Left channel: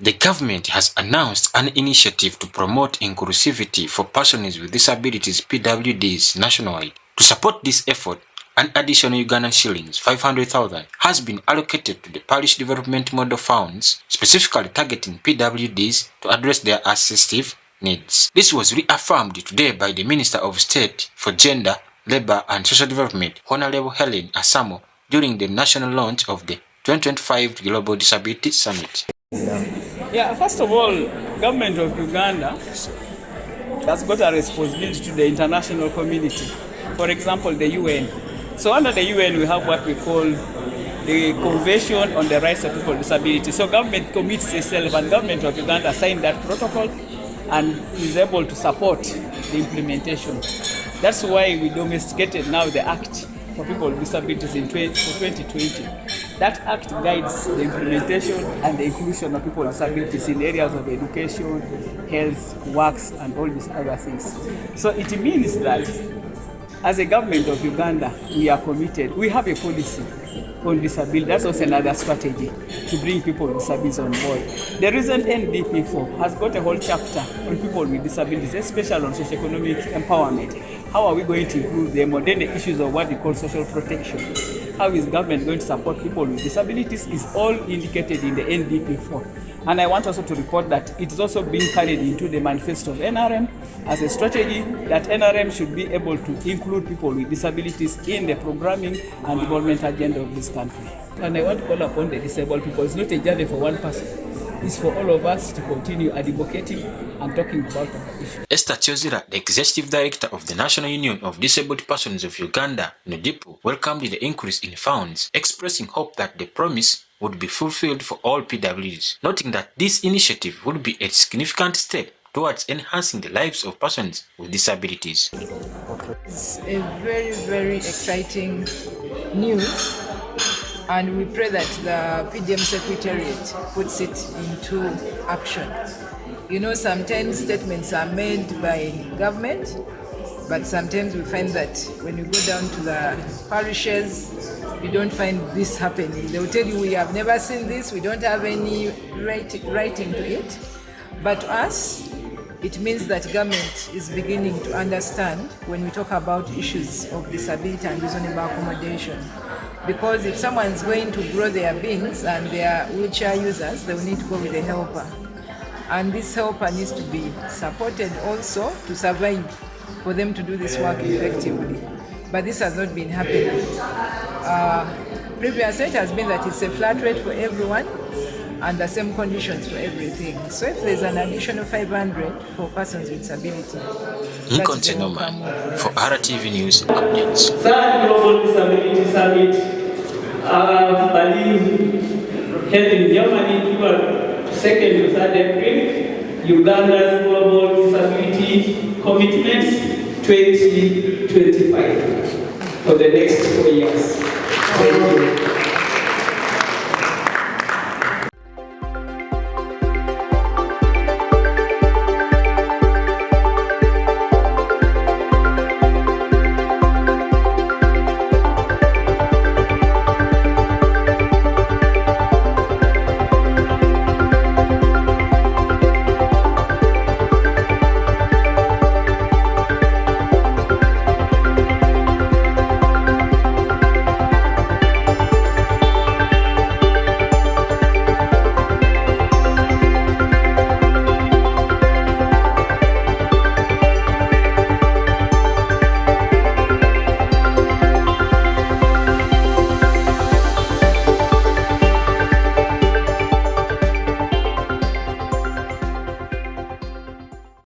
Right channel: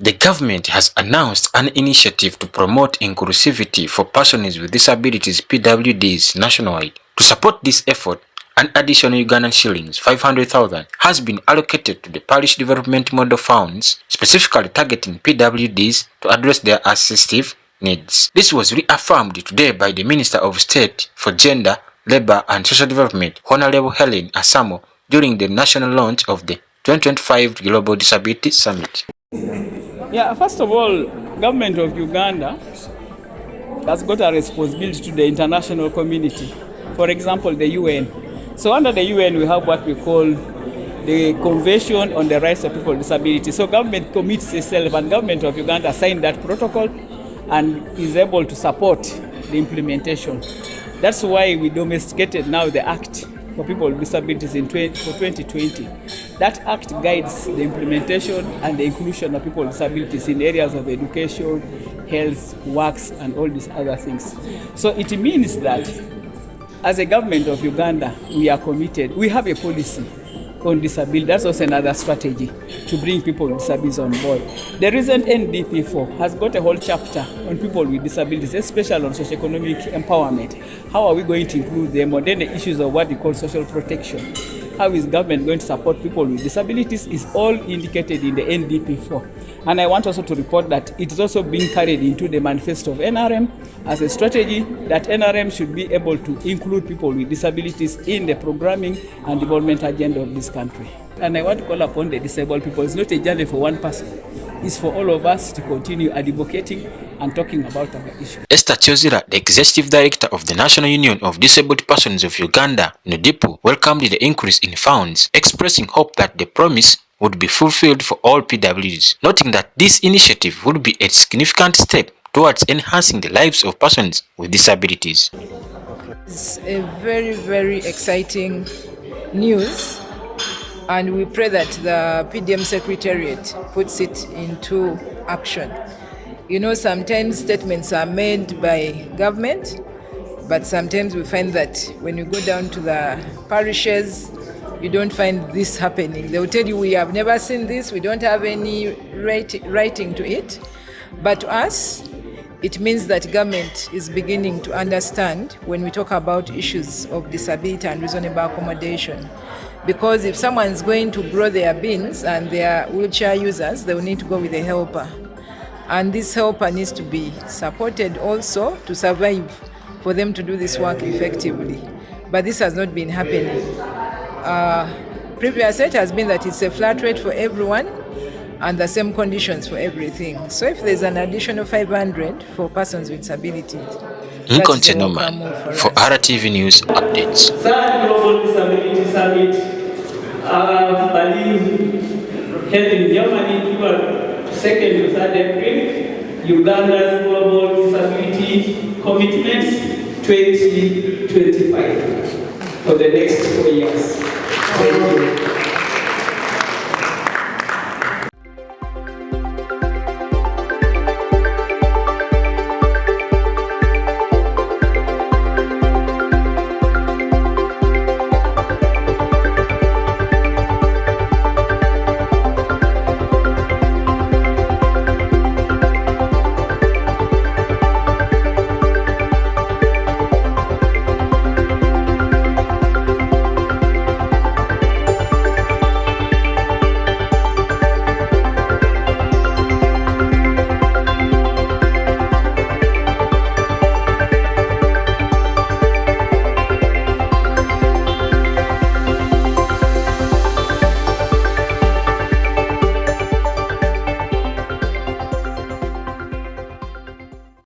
The government has announced an initiative to promote inclusivity for persons with disabilities (PWDs) nationwide. To support this effort, an additional Ugandan shillings 500,000 has been allocated to the Parish Development Model Funds, specifically targeting PWDs to address their assistive needs. This was reaffirmed today by the Minister of State for Gender, Labour and Social Development, Honorable Helen Asamo, during the national launch of the 2025 Global Disability Summit. Yeah, first of all, government of Uganda has got a responsibility to the international community. For example, the UN. So under the UN, we have what we call the Convention on the Rights of People with Disabilities. So government commits itself, and government of Uganda signed that protocol and is able to support the implementation. That's why we domesticated now the Act for people with disabilities for 2020. That act guides the implementation and the inclusion of people with disabilities in areas of education, health, works, and all these other things. So it means that as a government of Uganda, we are committed. We have a policy on disability. That's also another strategy to bring people with disabilities on board. The recent NDP4 has got a whole chapter on people with disabilities, especially on socioeconomic empowerment. How are we going to include them? And then the issues of what we call social protection. How is government going to support people with disabilities is all indicated in the NDP4. And I want also to report that it is also being carried into the manifesto of NRM as a strategy that NRM should be able to include people with disabilities in the programming and development agenda of this country. And I want to call upon the disabled people. It's not a journey for one person. It's for all of us to continue advocating and talking about our issue. Esther Chozira, the Executive Director of the National Union of Disabled Persons of Uganda, NUDIPU, welcomed the increase in funds, expressing hope that the promise would be fulfilled for all PWDs, noting that this initiative would be a significant step towards enhancing the lives of persons with disabilities. It's a very, very exciting news, and we pray that the PDM Secretariat puts it into action. You know, sometimes statements are made by government, but sometimes we find that when you go down to the parishes, you don't find this happening. They will tell you, we have never seen this, we don't have any writing to it. But to us, it means that government is beginning to understand when we talk about issues of disability and reasonable accommodation. Because if someone's going to grow their beans and they are wheelchair users, they will need to go with a helper. And this helper needs to be supported also to survive, for them to do this work effectively. But this has not been happening. Previous it has been that it's a flat rate for everyone and the same conditions for everything. So if there's an additional 500 for persons with disabilities, Lincoln Chenoman for RTV News Updates. Third Global Disability Summit, I believe, held in Germany, April 2nd to 3rd April, Uganda's Global Disability Commitments 2025 for the next 4 years. Thank you.